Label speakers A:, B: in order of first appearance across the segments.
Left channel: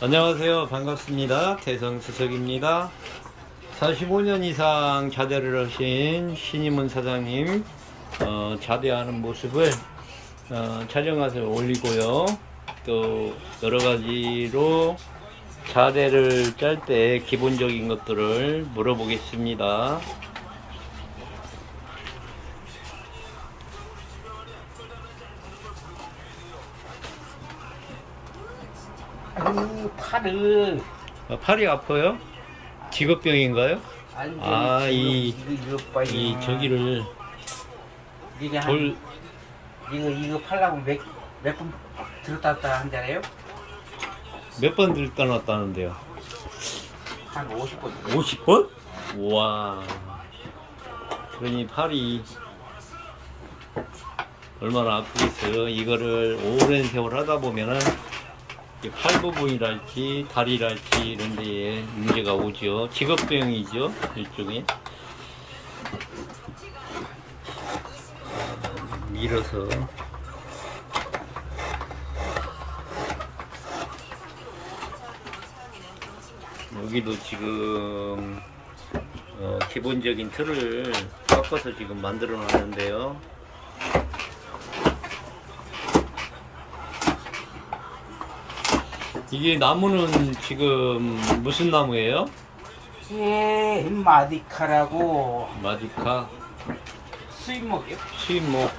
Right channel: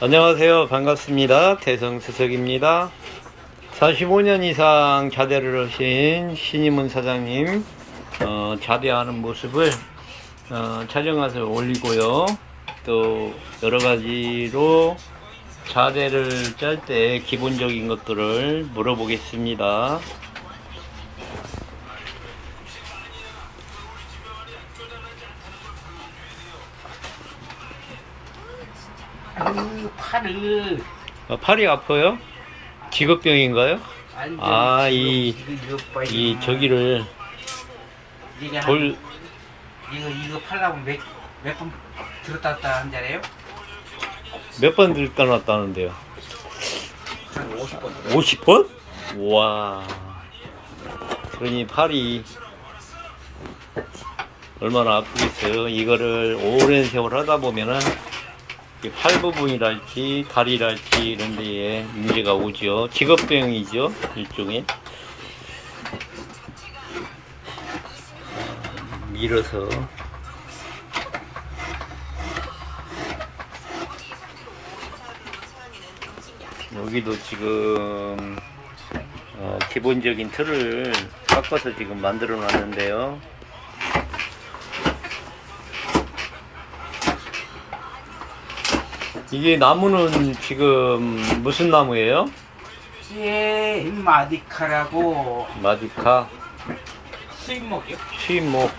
A: 안녕하세요. 반갑습니다. 대성수석입니다. 45년 이상 자대를 하신 신임은 사장님 어, 자대하는 모습을 어, 촬영해서 올리고요. 또 여러 가지로 자대를 짤 때 기본적인 것들을 물어보겠습니다.
B: 그 팔을
A: 어, 팔이 아파요? 직업병인가요?
B: 아니
A: 아, 이-
B: 이거, 이거 봐,
A: 이
B: 이거.
A: 저기를
B: 이게 한-
A: 돌
B: 이거 이거 팔라고 몇몇번 들었다 놨다 한잖아요
A: 몇 번 들다 놨다는데요?
B: 한 50번
A: 50번? 와. 그러니 팔이 얼마나 아프겠어요. 이거를 오랜 세월 하다 보면은 이 팔 부분이랄지 다리랄지 이런 데에 문제가 오죠. 직업병이죠. 일종의. 아, 밀어서 여기도 지금 어, 기본적인 틀을 깎아서 지금 만들어 놨는데요. 이게 나무는 지금 무슨 나무예요?
B: 예 마디카라고
A: 마디카,
B: 수입목이요
A: 수입목.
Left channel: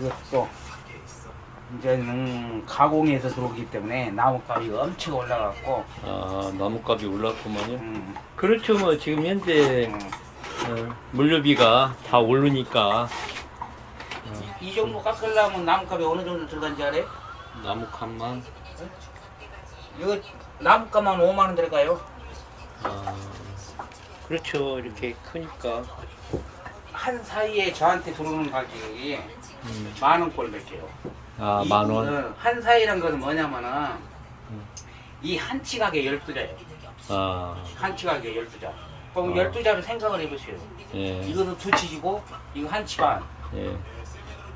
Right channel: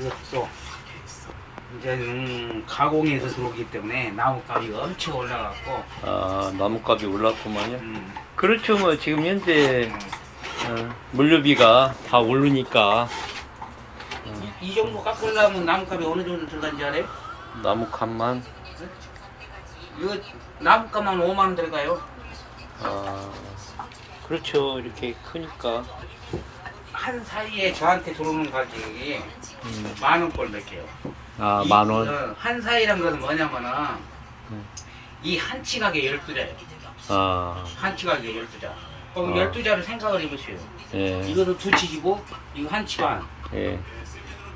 B: 이것도 이제는 가공해서 들어오기 때문에 나무값이 엄청 올라갔고
A: 아, 나무값이 올랐구만요.
B: 음,
A: 그렇죠. 뭐 지금 현재
B: 음.
A: 어, 물류비가 다 오르니까 어,
B: 이, 이 정도 깎으려면 나무값이 어느 정도 들어간지 알아요?
A: 나무값만
B: 이거 나무값만 5만 원 들어가요
A: 아, 그렇죠. 이렇게 크니까.
B: 한 사이에 저한테 들어오는 가격이
A: 음.
B: 만 원꼴 몇 개요.
A: 아,
B: 이-
A: 만 원.
B: 어, 한 사이란 것은 뭐냐면은
A: 음.
B: 이 한치 가게 12자예요.
A: 아,
B: 한치 가게 12자. 그럼
A: 아.
B: 12자를 생각을 해보세요.
A: 예,
B: 이거는 두 치지고 이거 한 치 반.
A: 예,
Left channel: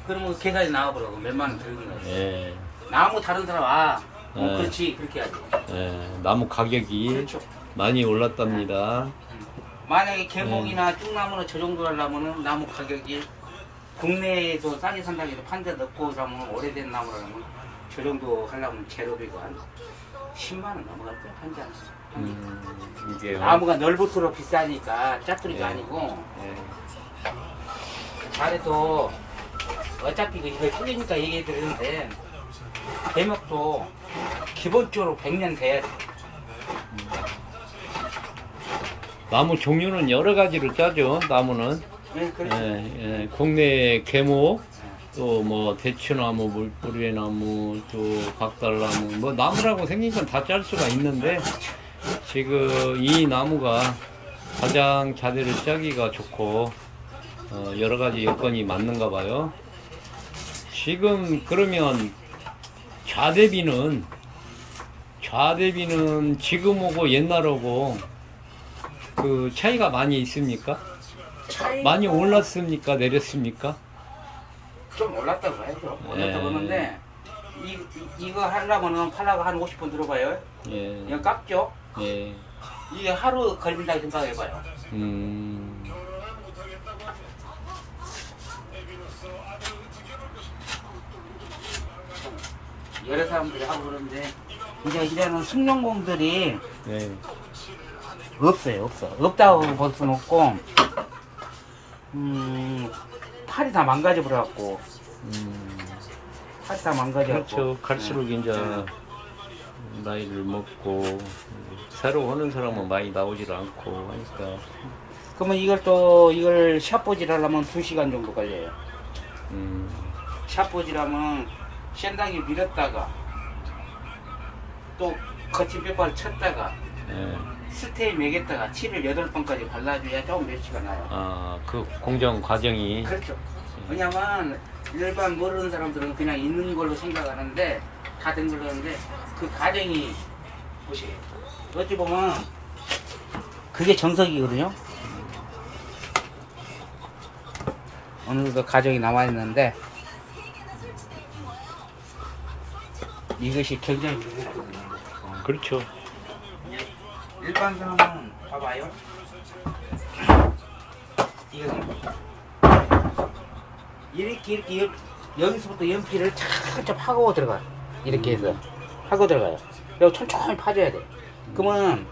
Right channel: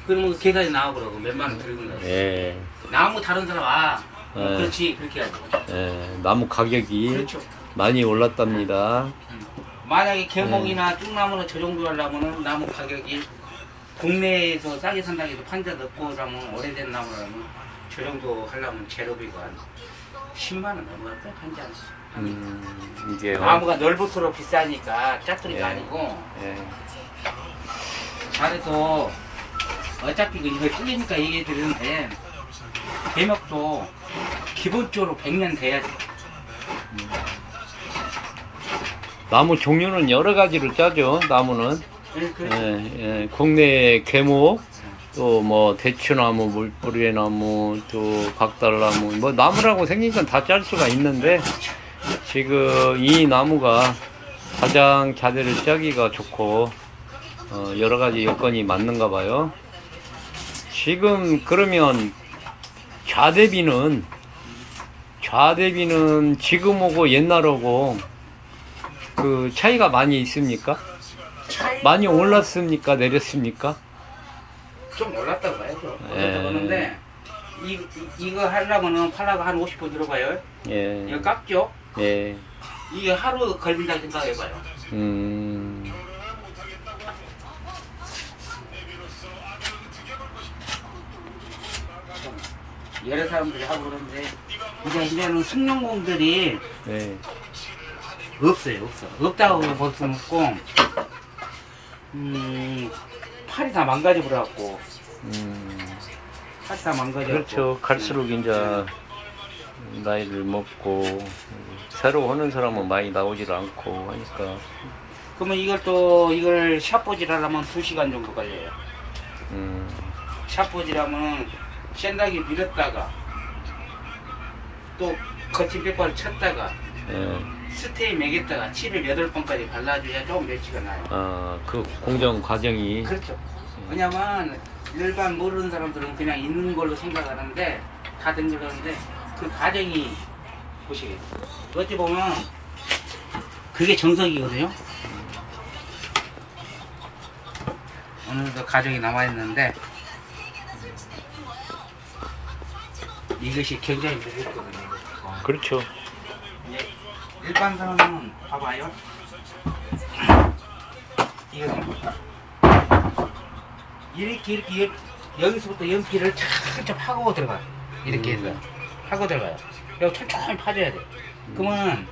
B: 그러면 계산이 나오더라고. 몇만 원 거.
A: 예,
B: 나무 다른 사람 아 어,
A: 네.
B: 그렇지 그렇게 하죠.
A: 예. 나무 가격이
B: 그렇죠.
A: 많이 올랐답니다.
B: 음. 만약에 개목이나
A: 네.
B: 뚝나무는 저 정도 하려면은 나무 가격이 국내에서 싸게 산다고 해서 판자 넣고 그러면 오래된 나무라면 저 정도 하려면 재료비가 한 10만 원 넘어갈까? 한 잔.
A: 음, 이게요.
B: 나무가 넓을수록 비싸니까 짜투리가
A: 예.
B: 아니고
A: 예,
B: 잘해도 어차피 그 이거 틀리니까 얘기 드리는데 개목도 기본적으로 100년 돼야지.
A: 나무 종류는 여러 가지로 짜죠. 나무는
B: 네, 그렇죠.
A: 예, 예. 국내 개목, 또 뭐 대추나무, 물뿌리나무, 또 박달나무, 뭐 나무라고 생긴 건 다 짤 수가 있는데 지금 이 나무가 가장 자대를 짜기가 좋고 어, 여러 가지 여건이 맞는가 봐요. 지금 그러면 좌대비는 좌대비는 지금하고 옛날하고 그 차이가 많이 있습니까? 많이 올랐습니까? 내렸습니까?
B: 좀 올랐다고 봐야죠.
A: 예.
B: 올랐다고 보는데 이, 이, 이거 하려면은 팔라고 한 50분 들어봐요.
A: 예.
B: 이거 깎죠?
A: 예.
B: 이게 하루 걸린다고 생각해봐요.
A: 음.
B: 여러 사람들이 하고 그러는데 이제 이제는 승용공들이
A: 예.
B: 없어요, 없어. 없다고 볼 수는 없고, 음, 팔이 다 망가져 버려갖고,
A: 음.
B: 팔이 다 망가져.
A: 그렇죠. 갈수록 이제 나이를 먹고 새로 오는 사람은 많이 나오질 않고 하니까
B: 그러면 이걸 또 이걸 샷보질 하려면 2 시간 정도 걸려요.
A: 음.
B: 샷보질하면 생각이 밀었다가 또 거친 빗발 쳤다가
A: 예.
B: 스테이 매겼다가 7을 8번까지 발라줘야 좀 멸치가 나요.
A: 아, 그 공정 과정이
B: 그렇죠. 왜냐면 일반 모르는 사람들은 그냥 있는 걸로 생각하는데 다 된 걸로 하는데 그 과정이 보시게 어찌 보면 그게 정석이거든요. 어느 정도 가정이 나와 있는데 이것이 굉장히 늘었거든요.
A: 그렇죠.
B: 일반 사람은 봐봐요. 이거 이렇게 이렇게 연- 여기서부터 연기를 착착 하고 들어가요. 이렇게 해서 하고 들어가요. 여기 천천히 파줘야 돼. 그러면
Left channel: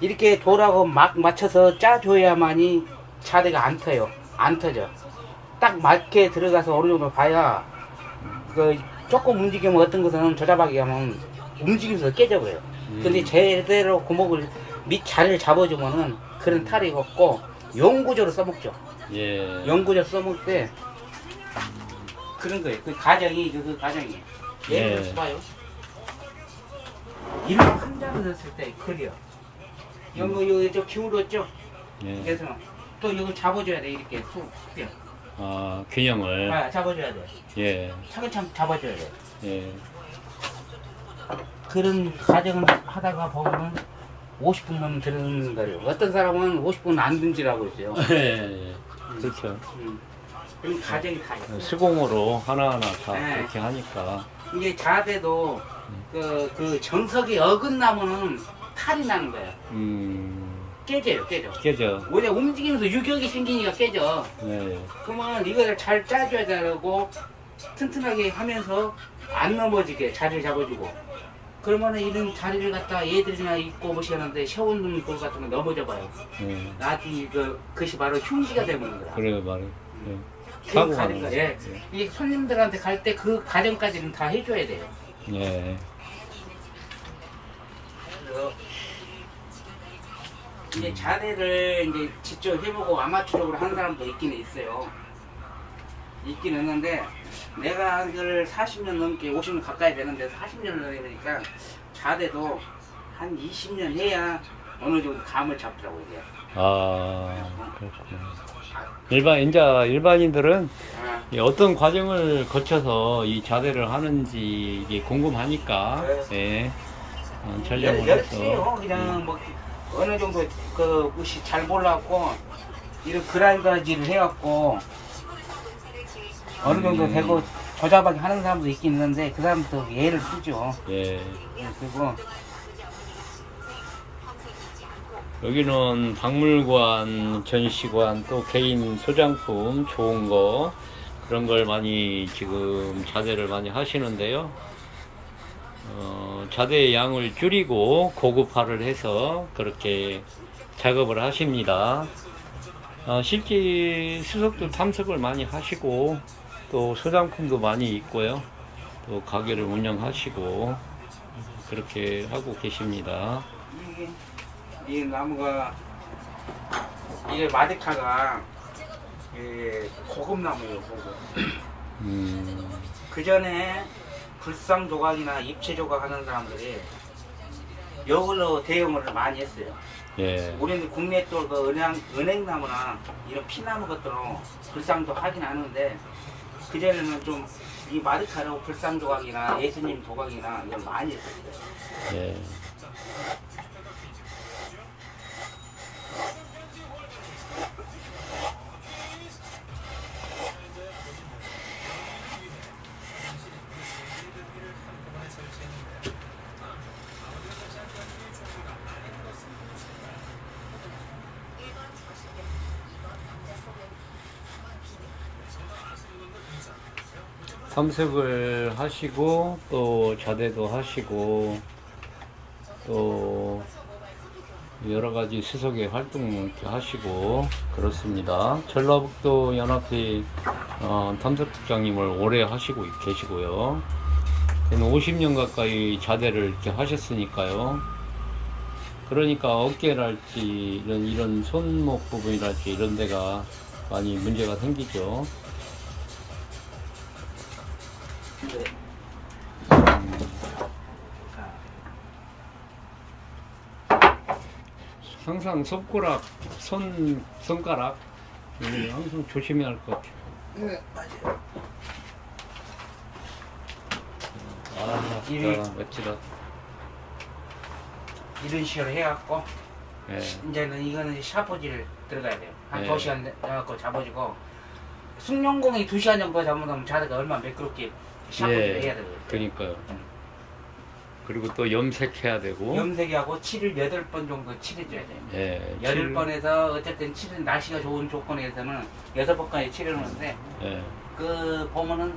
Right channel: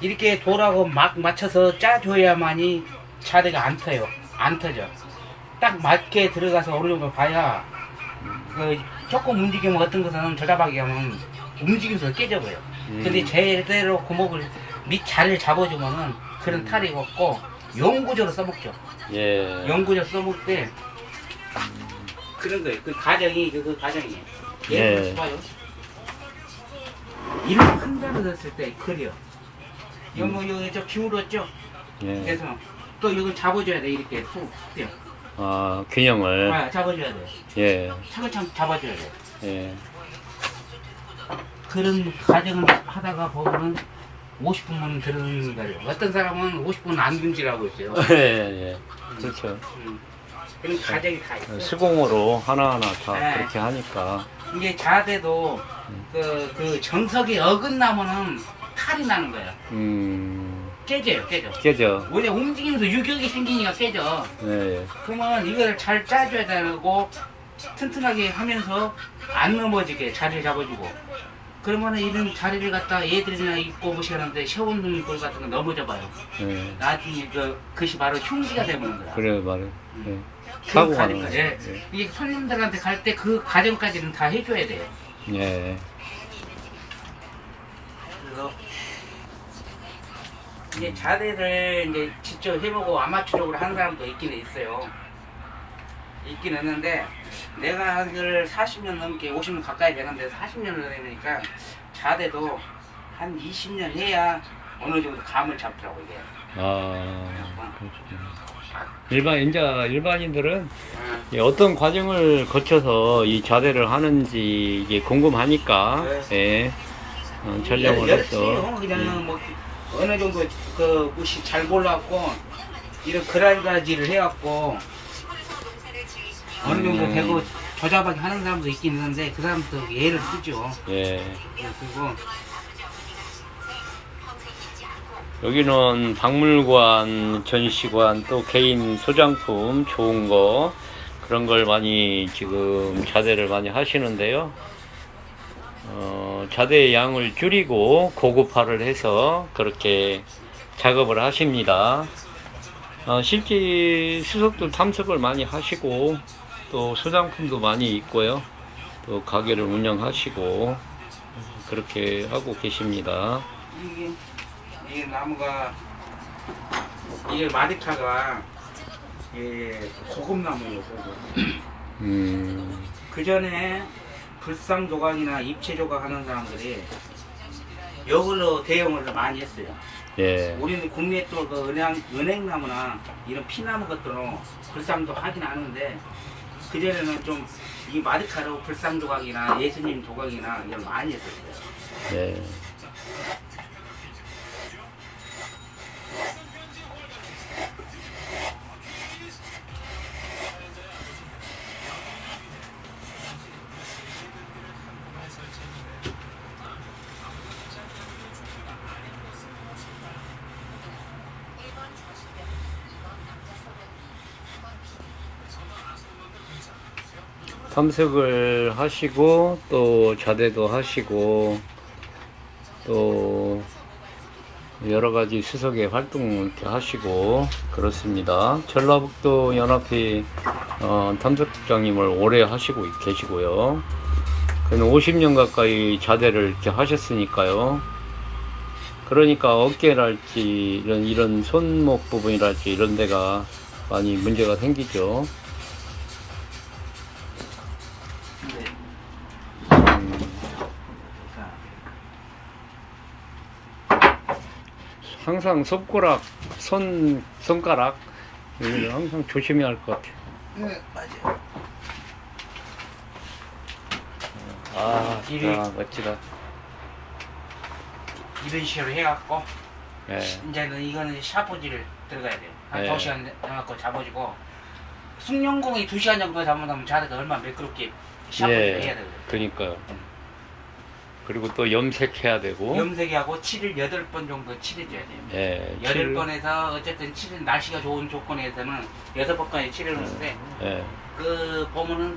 B: 이렇게 돌하고 막 맞춰서 짜줘야만이 자리가 안 터요. 안 터져. 딱 맞게 들어가서 어느 정도 봐야 그 조금 움직이면 어떤 것은 조잡하게 하면 움직이면서 깨져버려요.
A: 음.
B: 근데 제대로 고목을 밑 자리를 잡아주면은 그런 탈이 없고 영구적으로 써먹죠.
A: 예.
B: 영구적으로 써먹을 때 그런 거예요. 그 과정이 그, 그 과정이에요.
A: 예.
B: 봐요. 이런 큰 자리 넣었을 때 클이요. 이거 뭐 여기 저 기울었죠.
A: 예.
B: 그래서 또 이거 잡아줘야 돼 이렇게 툭 뛰어.
A: 아, 균형을.
B: 아, 잡아줘야 돼.
A: 예.
B: 차근차근 잡아줘야 돼.
A: 예.
B: 그런 과정을 하다가 보면은 50분만 들은 거예요. 어떤 사람은 50분 안 든지라고 있어요.
A: 예, 예. 그렇죠.
B: 음. 그런 과정이 다 있어요.
A: 수공으로 하나하나 다
B: 네.
A: 그렇게 하니까.
B: 이게 자대도
A: 음.
B: 그, 그 정석이 어긋나면은 탈이 나는 거야.
A: 음,
B: 깨져요, 깨져.
A: 깨져.
B: 뭐냐, 움직이면서 유격이 생기니까 깨져.
A: 예, 예.
B: 그러면 이걸 잘 짜줘야 되고 튼튼하게 하면서 안 넘어지게 자리를 잡아주고 그러면은 이런 자리를 갖다 얘들이나 입고 모시는데 세워놓는 돌 같은 거 넘어져 봐요.
A: 예.
B: 나중에 그, 그것이 바로 흉기가 되는 거야.
A: 그래 말해. 예.
B: 그
A: 사고가 나는
B: 예.
A: 거지.
B: 이게 손님들한테 갈 때 그 과정까지는 다 해줘야 돼요.
A: 예.
B: 이제 자대를 이제 직접 해보고 아마추어적으로 하는 사람도 있기는 있어요. 있긴 있는데 내가 한걸 40년 넘게 50년 가까이 되는데 40년을 되니까 자대도 한 20년 해야 어느 정도 감을 잡더라고 이게.
A: 아, 그렇구나. 일반, 이제 일반인들은
B: 아,
A: 이 어떤 과정을 거쳐서 이 자대를 하는지 이게 궁금하니까, 예. 어, 촬영을
B: 열심히요.
A: 해서.
B: 그냥
A: 예.
B: 뭐 어느 정도 그 무시 잘 몰라갖고 이런 그라이다지를 해갖고 어느 정도
A: 음.
B: 되고 조잡하게 하는 사람도 있긴 있는데 그 사람도 예를 쓰죠.
A: 예.
B: 그리고
A: 여기는 박물관, 전시관, 또 개인 소장품 좋은 거 그런 걸 많이 지금 자대를 많이 하시는데요. 어, 자대의 양을 줄이고 고급화를 해서 그렇게 작업을 하십니다. 어, 실제 수석도 탐색을 많이 하시고 또 소장품도 많이 있고요. 또 가게를 운영하시고 그렇게 하고 계십니다.
B: 이 나무가 이게 마데카가 이 고급 나무예요. 고급.
A: 음,
B: 그 전에 불상 조각이나 입체 조각 하는 사람들이 이걸로 대용을 많이 했어요.
A: 예.
B: 우리는 국내 또그 은행 은행나무나 이런 피나무 것들은 불상도 하긴 하는데 그 전에는 좀 이 마디카로 불상 조각이나 예수님 조각이나 이런 거 많이 했었어요.
A: 예. 탐색을 하시고 또 자대도 하시고 또 여러 가지 수석의 활동 이렇게 하시고 그렇습니다. 전라북도 연합회 어, 탐색국장님을 오래 하시고 계시고요. 그는 50년 가까이 자대를 이렇게 하셨으니까요. 그러니까 어깨랄지 이런 이런 손목 부분이랄지 이런 데가 많이 문제가 생기죠. 항상 손가락, 손 손가락 항상 조심해야 할 것 같아요.
B: 네, 맞아요.
A: 아, 진짜 멋지다.
B: 이런 식으로 해갖고
A: 예,
B: 이제는 이거는 샤프질 들어가야 돼요. 한
A: 네.
B: 두 시간 해갖고 잡아주고 숙련공이 2시간 정도 잡으면 자리가 얼마나 매끄럽게 샤프를 해야 돼요.
A: 그러니까요.
B: 음.
A: 그리고 또 염색해야 되고.
B: 염색하고 칠을 8번 정도 칠해줘야 돼요.
A: 예.
B: 여덟
A: 칠-
B: 번에서 어쨌든 칠은 날씨가 좋은 조건에서는 여섯 번까지 칠을 하는데
A: 예.
B: 그 보면은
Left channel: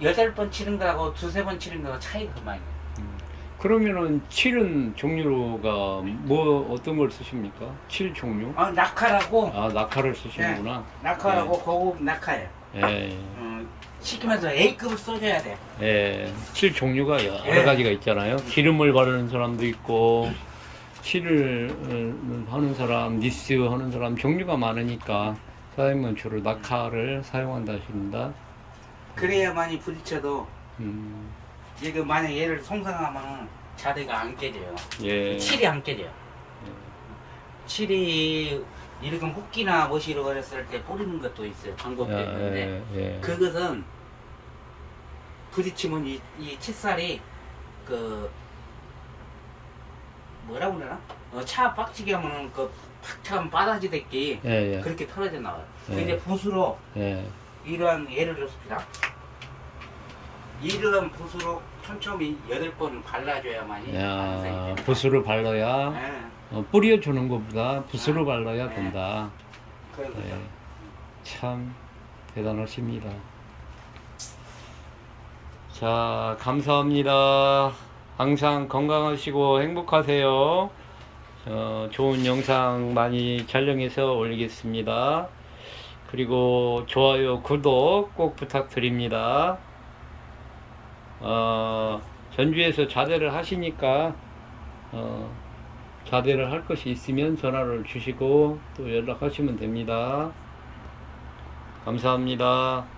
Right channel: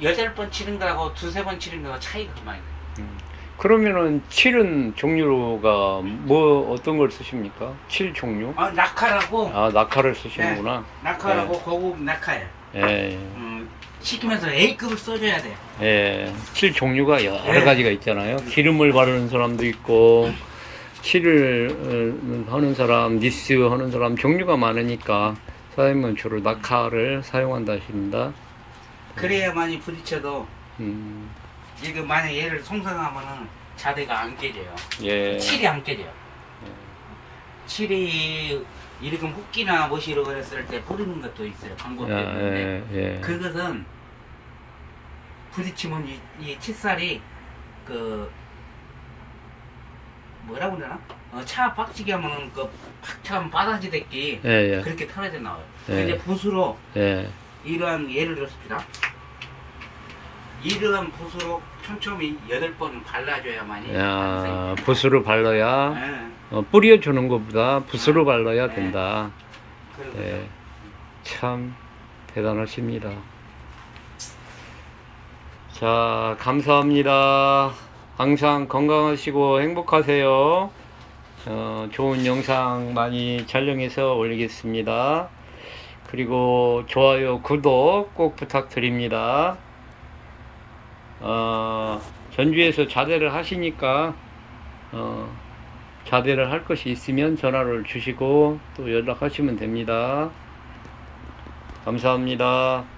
B: 여덟 번 치는 거하고 두세 번 치는 거하고 차이가 많이 나요.
A: 음. 그러면은 칠은 종류가 뭐 어떤 걸 쓰십니까? 칠 종류?
B: 아, 낙하라고
A: 아 낙하를 쓰시는구나.
B: 낙하라고 고급 낙하예요.
A: 예.
B: 음, 시키면서 A급을 써줘야 돼.
A: 예. 칠 종류가 여러
B: 네.
A: 가지가 있잖아요. 기름을 바르는 사람도 있고 칠을 어, 하는 사람, 니스 하는 사람 종류가 많으니까 사장님은 주로 낙하를 사용한다 하십니다.
B: 그래야만이 부딪혀도
A: 음.
B: 이거 만약 얘를 송상하면은 자대가 안 깨져요.
A: 예.
B: 칠이 안 깨져요. 칠이 이렇게 훅기나 못이로 그랬을 때 뿌리는 것도 있어요. 방법
A: 야,
B: 때문에.
A: 예, 예.
B: 그것은 부딪히면 이, 이 칫살이 그 뭐라고 그러나? 어, 차 빡치게 하면은 그 팍참 빠다지댔기
A: 예, 예.
B: 그렇게 털어져 나와요.
A: 예.
B: 이제 붓으로
A: 예.
B: 이러한 예를 들었습니다. 이러한 붓으로 촘촘히 여덟 번 발라줘야만이
A: 야, 붓으로 발라야
B: 예.
A: 어, 뿌려주는 것보다 붓으로 발라야 된다.
B: 그리고
A: 예. 참 대단하십니다. 자, 감사합니다. 항상 건강하시고 행복하세요. 어, 좋은 영상 많이 촬영해서 올리겠습니다. 그리고 좋아요, 구독 꼭 부탁드립니다. 어, 전주에서 자대를 하시니까 어, 자대를 할 것이 있으면 전화를 주시고 또 연락하시면 됩니다. 감사합니다.